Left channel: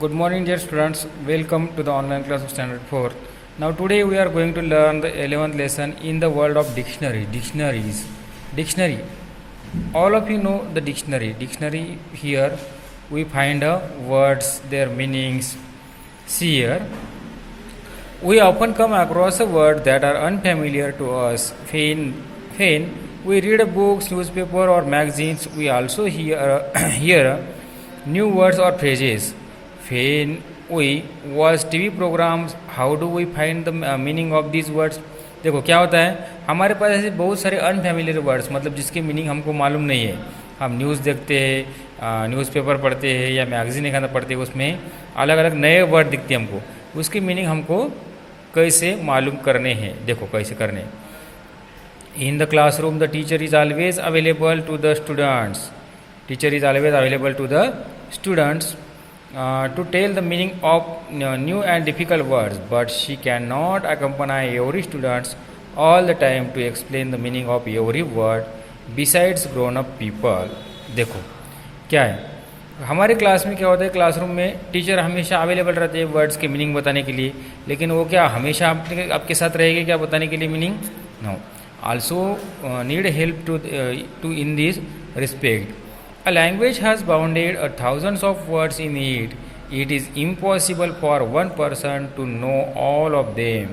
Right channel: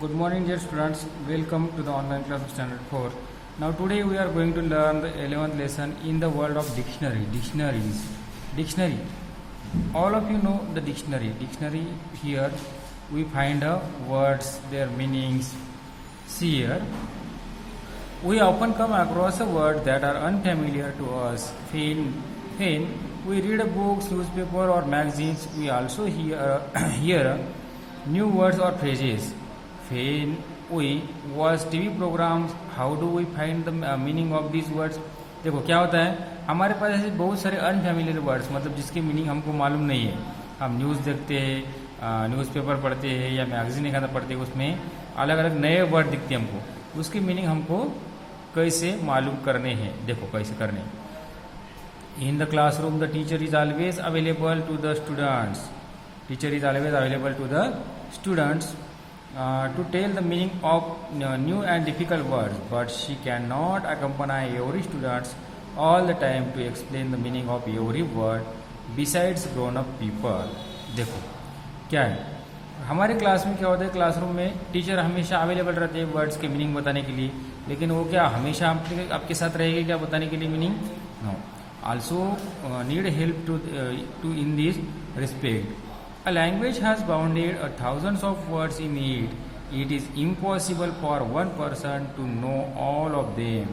Good morning, dear students. Welcome to the online class of Standard 4. Now, today we are going to learn the 11th lesson in the world of dictionary. Dictionary. All of you know the dictionary. Dictionary, here we find words, their meanings. See here, we often come across a word that are unfamiliar to us. When we read books, newspaper, or magazines, we also hear new words or phrases. When we watch TV programs, how do we find the meaning of these words? देखो क्या होता है, हमारे पास ऐसे बहुत सारे unfamiliar words, मतलब जिसकी मीनिंग हमको मालूम नहीं है. हम न्यूज़ देखते हैं, न्यूज़पेपर पढ़ते हैं या मैगजीन एक पढ़ते हैं, उसमें अलग अलग नए वर्ड दिखते हैं हमको. उसकी मीनिंग हमको कैसे मालूम करने हैं, देखो कैसे करने. In the classroom the teacher is always available to the students. Teacher is always available to the students to tell the meaning of new and difficult words, but she cannot accompany every students all the time to explain the meaning of every word besides grown up people. देखो क्या है, हमारे class में क्या होता है, classroom में teacher हमेशा अवेलेबल रहते हैं वर्ड्स के मीनिंग बताने के लिए, लेकिन वो क्या हमेशा आपके साथ रहेगी क्या बताने के लिए meaning? No. Also need help to in this respect. A language has bounded thousands of words in it. It is impossible for one person to know all of them.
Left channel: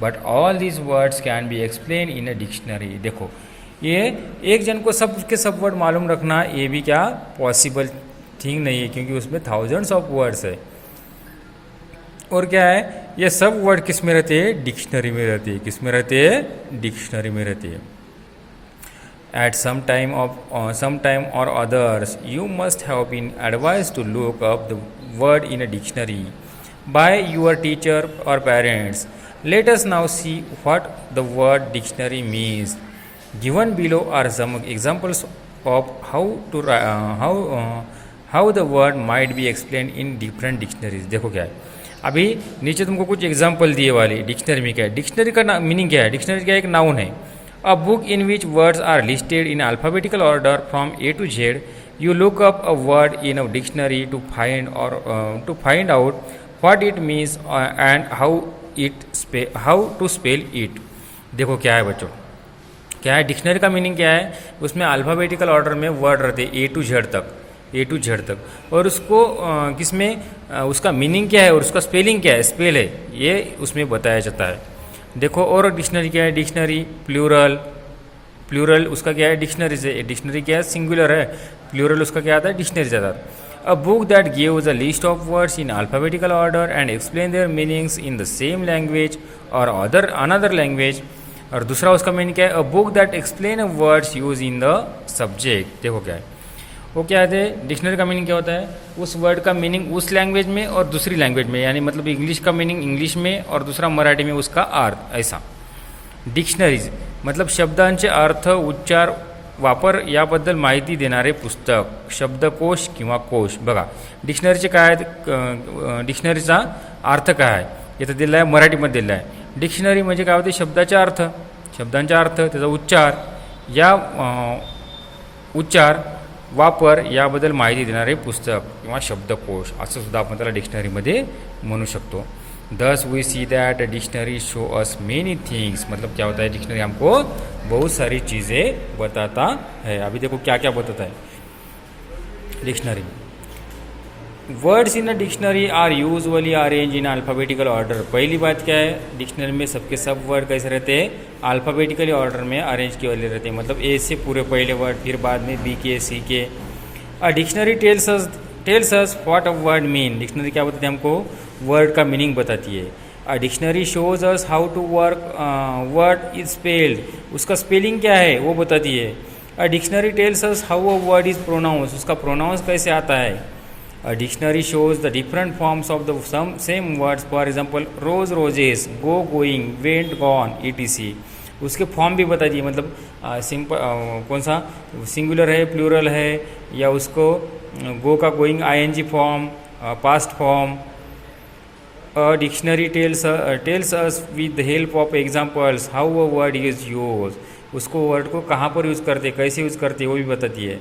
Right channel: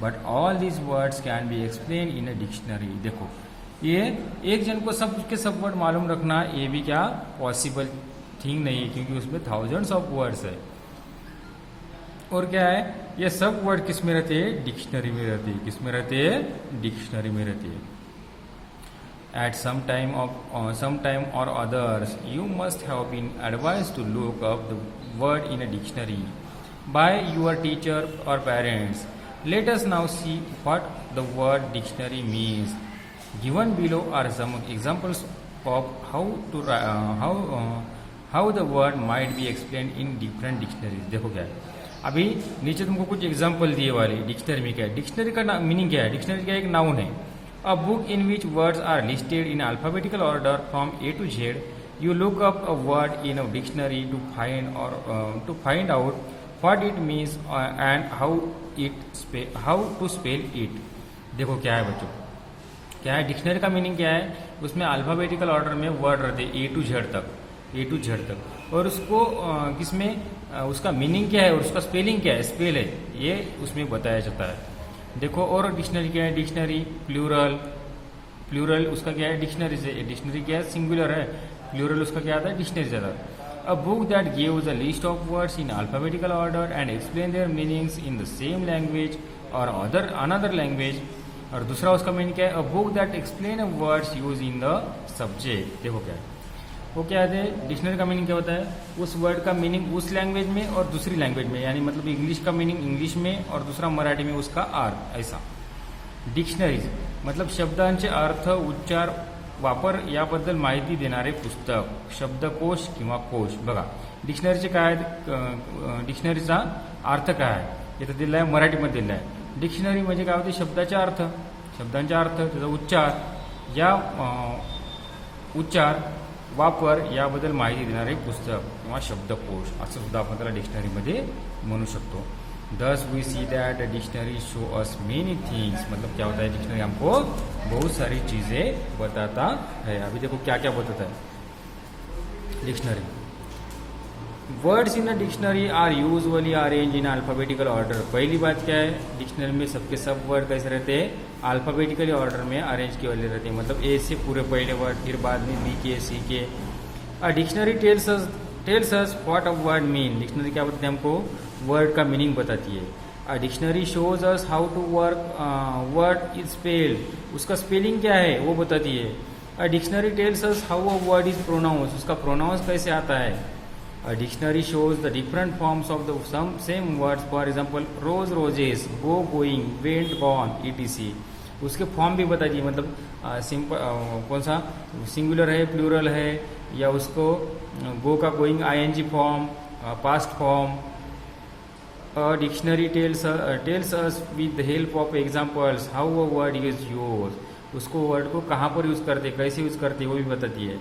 But all these words can be explained in a dictionary. देखो ये एक जन को सब के सब word मालूम रखना ये भी क्या पॉसिबल थिंग नहीं है, क्योंकि उसमें थाउजेंड्स ऑफ वर्ड्स है. और क्या है, ये सब वर्ड किस में रहते हैं? डिक्शनरी में रहते हैं. किस में रहते हैं? डिक्शनरी में रहते हैं. At some time or others, you must have been advised to look up the word in a dictionary by your teacher or parents. Let us now see what the word dictionary means. Given below are some examples of how the word might be explained in different dictionaries. देखो क्या है, अभी नीचे तुमको कुछ example दिए वाले dictionary में क्या है. डिक्शनरी का मीनिंग क्या है? डिक्शनरी क्या एक नाउन है. A book in which words are listed in alphabetical order from A to Z. You look up a word in a dictionary to find out what it means and how to spell it. देखो क्या है बच्चों, क्या है dictionary का meaning क्या है? उसमें अल्फ़ाबेटिकल ऑर्डर में वर्ड रहते हैं ए टू जेड तक, और उसको किसमें उसका मीनिंग क्या है और उसका स्पेलिंग क्या है, स्पेल है, ये उसमें बताया जाता है. देखो और डिक्शनरी क्या है? डिक्शनरी प्लूरल उसका क्या है? डिक्शनरी से. डिक्शनरी क्या है? सिंगुलर है. प्लूरल उसका क्या आता है? डिक्शनरी से आता है. A book that gives a list of words in alphabetical order and explain there meanings in the same language और अनदर लैंग्वेज. और दूसरा उसका मीनिंग क्या है? A book that explain a words use in the subject. देखो क्या है, वो क्या है? डिक्शनरी का मीनिंग क्या होता है? उस वर्ड का मीनिंग उस लैंग्वेज में और दूसरी लैंग्वेज में, यानी मतलब इंग्लिश का मीनिंग इंग्लिश में और दूसरा मराठी में उसका अर्थ, ऐसा. डिक्शनरीज मतलब शब्दांचे अर्थ, उच्चार, वापर याबद्दल माहिती देणारे पुस्तक, शब्दकोश किंवा कोश. बघा डिक्शनरीचे काय आहेत, डिक्शनरीचा अर्थ काय आहे इथं दिला आहे, मराठीमध्ये दिला आहे. डिक्शनरी म्हणजे काय होते? शब्दाचा अर्थ, त्याचा उच्चार, वापर याबद्दल माहिती देणारे पुस्तक किंवा शब्दकोश, असं सुद्धा आपण त्याला डिक्शनरीमध्ये म्हणू शकतो. Thus we see that dictionary show us many things. मतलब क्या होता है, डिक्शनरी हमको बहुत सारी चीज़ें बताता है. अभी देखो क्या क्या बताता है dictionary. Words in a dictionary are usually arrange in alphabetical order. पहली बात क्या है, डिक्शनरी में सबके सब वर्ड कैसे रहते हैं? अल्फ़ाबेटिकली ऑर्डर में अरेंज किए वाले रहते हैं, मतलब ए से पूरे पहले वर्ड, फिर बाद में बी के, सी के. A dictionary tells us what a word mean. Dictionary क्या बताती है? हमको वर्ड का मीनिंग बताती है. A dictionary shows us how to word is spelled. उसका स्पेलिंग क्या है वो बताती है. A dictionary tells us how a word is pronounce. उसका प्रोनाउंस कैसे आता है. A dictionary shows the different forms of the same words. For example, rose, roses, go, going, went, gone, etc. उसके फॉर्म भी बता दिए, मतलब सिंपल कौन सा सिंगुलर है, प्लूरल है, या उसको गो का going ING form, past form. A dictionary tells us with the help of examples how a word is used. उसको वर्ड को कहाँ पर यूज़ करते, कैसे यूज़ करते, वो भी बताती है.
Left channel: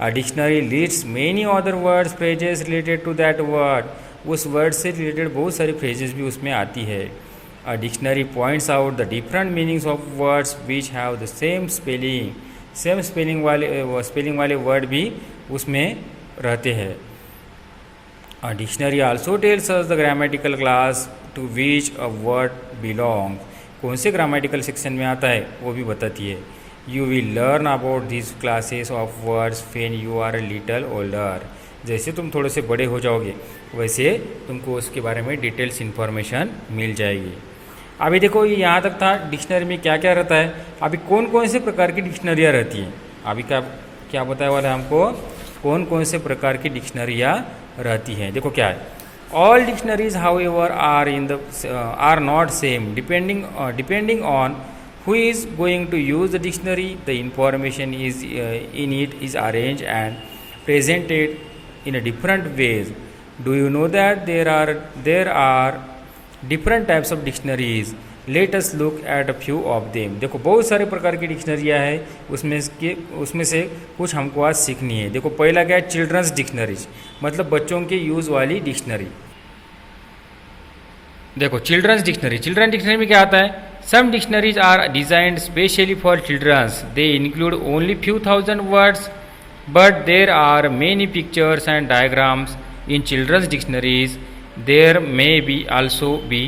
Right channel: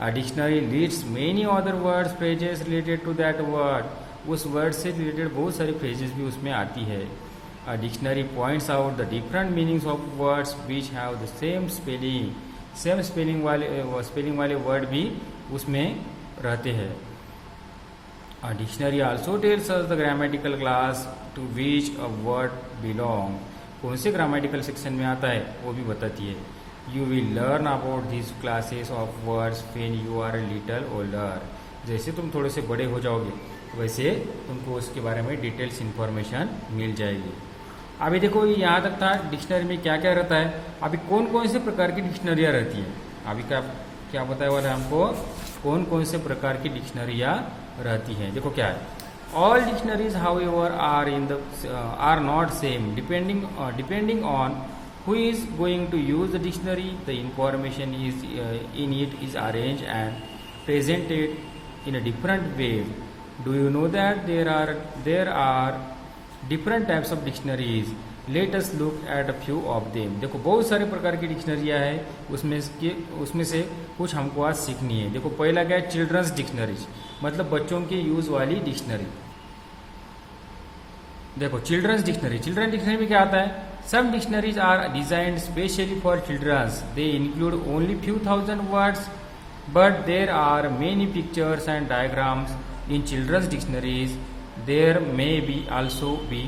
A dictionary lists many other words, phrases related to that word. उस वर्ड से रिलेटेड बहुत सारी फ्रेजेस भी उसमें आती है। A dictionary points out the different meanings of words which have the same spelling वाले वर्ड भी उसमें रहते हैं। A dictionary also tells us the grammatical class to which a word belong, कौन से ग्रामेटिकल सेक्शन में आता है वो भी बताती है। You will learn about this classes of words when you are little older, जैसे तुम थोड़े से बड़े हो जाओगे वैसे तुमको उसके बारे में डिटेल्स इन्फॉर्मेशन मिल जाएगी। अभी देखो ये यहाँ तक था डिक्शनरी में क्या क्या रहता है। अभी कौन कौन से प्रकार की डिक्शनरियाँ रहती हैं, अभी क्या क्या बताया वाला है हमको, कौन कौन से प्रकार की डिक्शनरियाँ रहती हैं। देखो क्या है, all dictionaries however are not same depending on who is going to use the dictionary. The information is in it is arranged and presented in a different ways. Do you know that there are different types of dictionaries? Let us look at a few of them. देखो बहुत सारे प्रकार की डिक्शनरियाँ हैं, उसमें से कुछ हमको आज सीखनी है। देखो पहला क्या है, चिल्ड्रंस डिक्शनरीज, मतलब बच्चों के यूज़ वाली डिक्शनरी। देखो चिल्ड्रंस डिक्शनरी में क्या आता है, some dictionaries are designed specially for children. They include only few thousand words, but there are many pictures and diagrams in children's dictionaries. There may be also be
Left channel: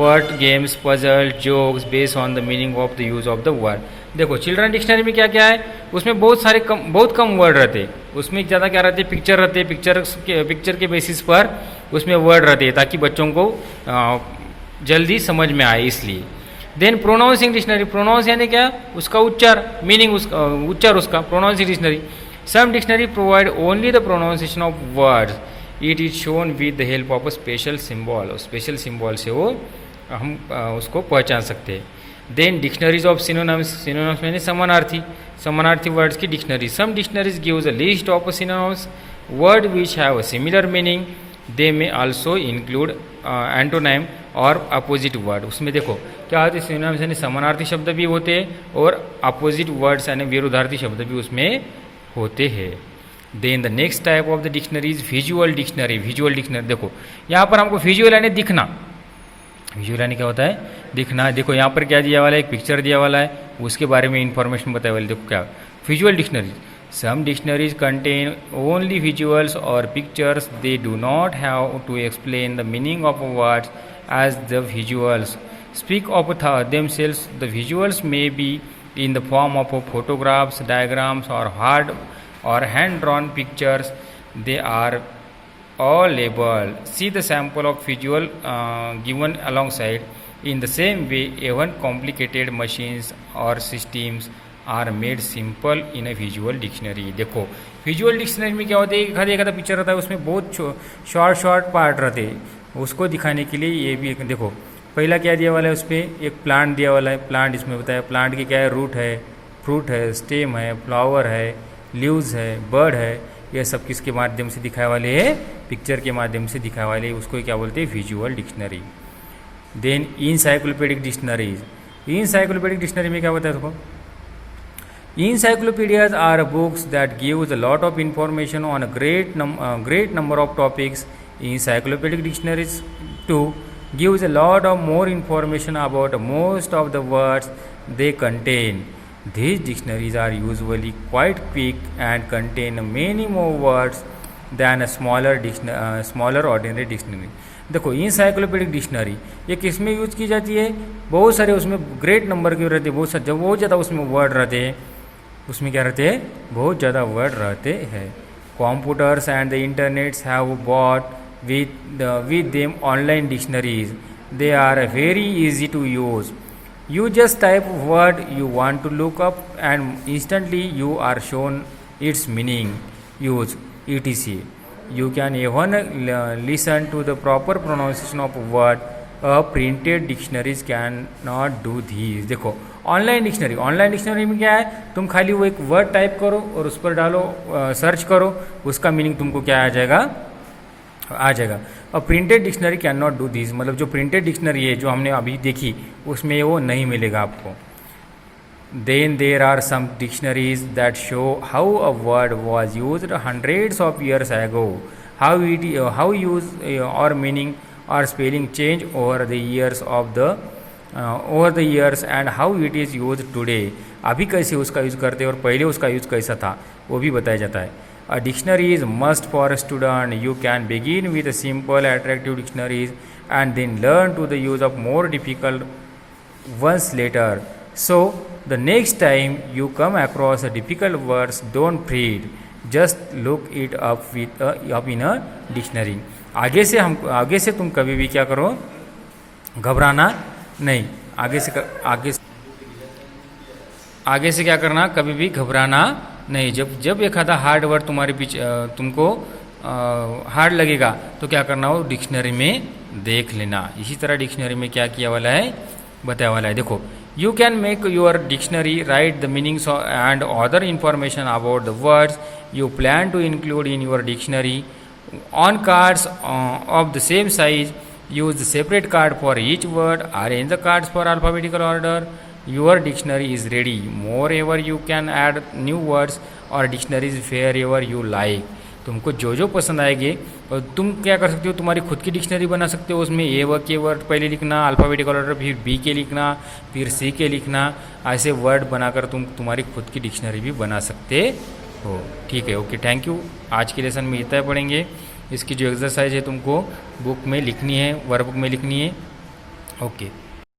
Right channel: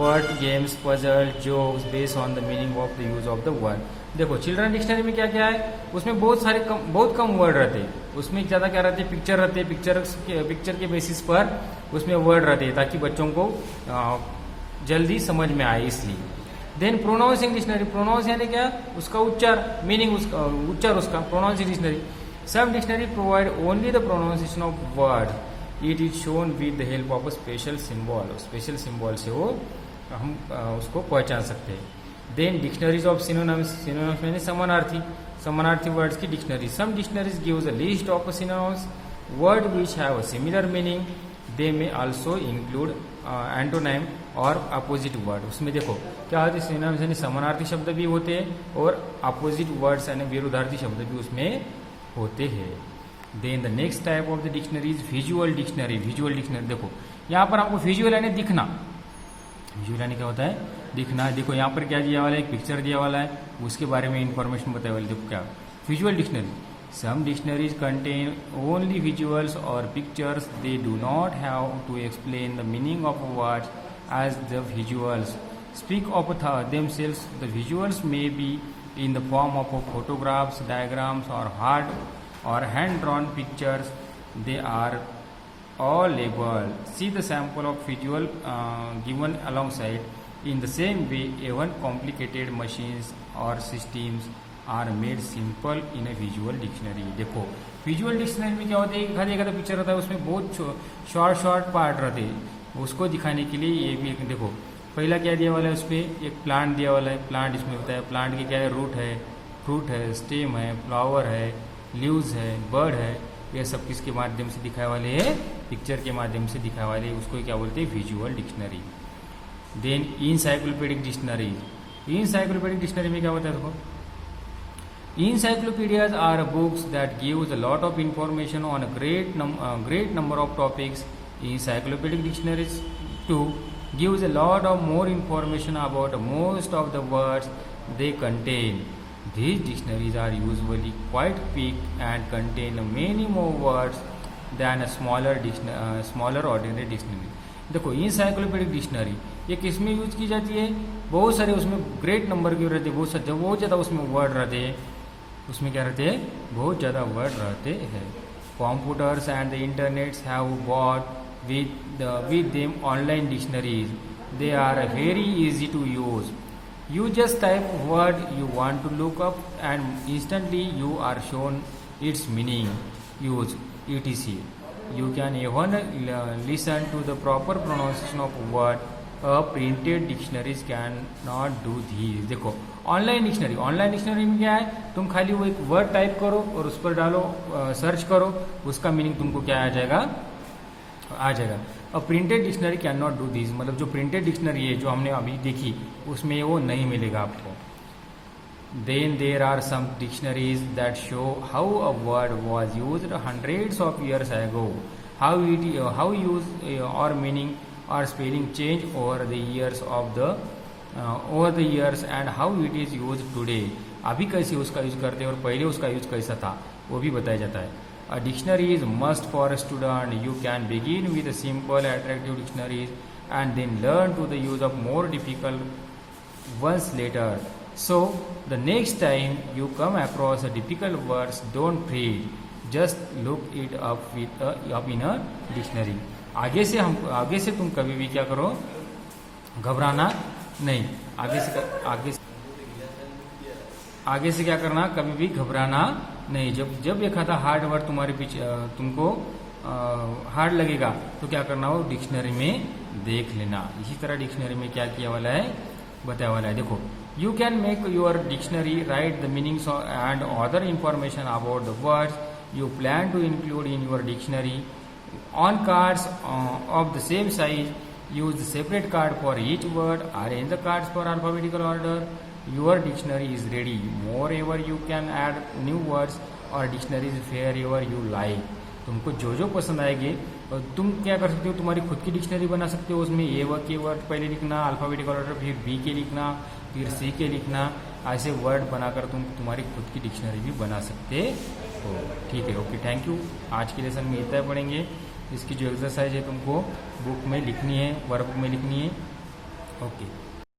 word games, puzzle, jokes based on the meaning of the use of the word. देखो children dictionary में क्या क्या है, उसमें बहुत कम word रहते हैं, उसमें ज़्यादा क्या रहते हैं, पिक्चर रहते हैं, पिक्चर के बेसिस पर उसमें वर्ड रहते हैं ताकि बच्चों को जल्दी समझ में आए इसलिए। देन प्रोनाउंसिंग डिक्शनरी, प्रोनाउंस यानी क्या, उसका उच्चार, मीनिंग उच्चार उसका, pronouncing dictionary. Some dictionary provide only the pronunciation of words, it is shown with the help of a special symbol, special symbol से वो हम उसको पहचान सकते हैं। देन डिक्शनरीज ऑफ सिनोनिम्स यानी समानार्थी वर्ड्स की डिक्शनरी। Some dictionaries gives a list of synonyms word which have a similar meaning, they may also include antonym और अपोजिट वर्ड। उसमें देखो क्या होते हैं, सिनोनिम्स यानी समानार्थी शब्द भी होते हैं और अपोजिट वर्ड्स यानी विरुद्धार्थी शब्द भी उसमें होते हैं। Then the next type of the dictionary is visual dictionary. देखो यहाँ पर हमको विजुअल यानी दिखना, विजुअल यानी क्या होता है, दिखना। देखो यहाँ पर क्या दिया वाला है, एक पिक्चर दिया वाला है, उसके बारे में इंफॉर्मेशन बताया वाला है। देखो क्या visual dictionary, some dictionaries contain only visuals or pictures. They do not have to explain the meaning of words as the visuals speak of themselves. The visuals may be in the form of photographs, diagrams, or hand-drawn pictures. They are all labeled. See the sample of visual given alongside. In the same way, even complicated machines or systems are made simple in a visual dictionary. देखो visual dictionary में क्या होता है, एक आधा picture रहता है, उसमें बहुत शॉर्ट पार्ट रहते हैं, उसको दिखाने के लिए ये भी एक देखो पहला क्या दिया वाला है, उस पर एक प्लांट दिया वाला है। प्लांट इसमें बताया, प्लांट की क्या है, रूट है, फ्रूट है, स्टेम है, फ्लावर है, लीव्स है, बर्ड है, यह सब किसके माध्यम से दिखाए वाले है, पिक्चर के माध्यम से दिखाए वाले, उसको क्या बोलते हैं, visual dictionary. Then encyclopedic dictionary, encyclopedic dictionary में क्या होता है, देखो encyclopedias are books that gives a lot of information on a great number of topics. Encyclopedic dictionaries too gives a lot of more information about most of the words they contain. These dictionaries are usually quite big and contain many more words than a smaller ordinary dictionary. देखो इनसाइक्लोपीडिक dictionary ये किस में use की जाती है, बहुत सारे उसमें ग्रेट नंबर के रहते हैं, बहुत ज़्यादा उसमें वर्ड रहते हैं, उसमें क्या रहते हैं, बहुत ज़्यादा वर्ड रहते हैं। Computers and the internets have brought with them online dictionaries, they are very easy to use. You just type word you want to look up and instantly you are shown its meaning, use, etc. You can even listen to the proper pronunciation of word. A printed dictionaries cannot do these. देखो online dictionary में क्या है, तुम खाली वो एक word type करो और उस पर डालो, सर्च करो, उसका मीनिंग तुमको क्या आ जाएगा। और printed dictionary can not do this, मतलब जो प्रिंटेड डिक्शनरी है जो हमने अभी देखी उसमें वो नहीं मिलेगा आपको। Then there are some dictionaries that show how a word was used hundreds of years ago. how use or meaning or spelling change over the years and how it is used today. अभी कैसे उसका use करते हैं और पहले उसका use कैसा था वो भी बताया जाता है. A dictionary is must for a student. You can begin with a simple attractive dictionaries and then learn to the use of more difficult ones later. So the next time you come across a difficult words, don't fret. Just look it up in a dictionary. आगे से तुम कभी भी क्या करो, घबराना नहीं. आगे से क्या करना, कभी भी घबराना नहीं. जब एक आधा हार्ड वर्ड तुम्हारे पीछे तुमको हार्ड लगेगा तो क्या करना हो, डिक्शनरी में देख लेना. इसी तरह डिक्शनरी में क्या किया वाला है, बताया वाला है. देखो, you can make your dictionary, write the meanings and other information about the words you plan to include in your dictionary on cards of the same size. Use the separate card for each word. Arrange the cards for alphabetical order. Your dictionary is ready. Moreover, you can add new words or dictionaries wherever you like. तुमको जो पसंद आएंगे और तुम क्या कर सकते हो, तुम्हारी खुद की डिक्शनरी बना सकते हो. उसमें ए के वर्ड पहले लिखना, अल्फ़ाबेटिकल ऑर्डर, फिर बी के लिखना, फिर सी के लिखना. ऐसे वर्ड बनाकर तुम तुम्हारी खुद की डिक्शनरी भी बना सकते हो. ठीक है, ओके, थैंक यू. आज के लेसन में इतना पढ़ेंगे. इसकी जो एक्सरसाइज है तुमको बुक में लिखनी है, वर्कबुक में लिखनी है. ओके.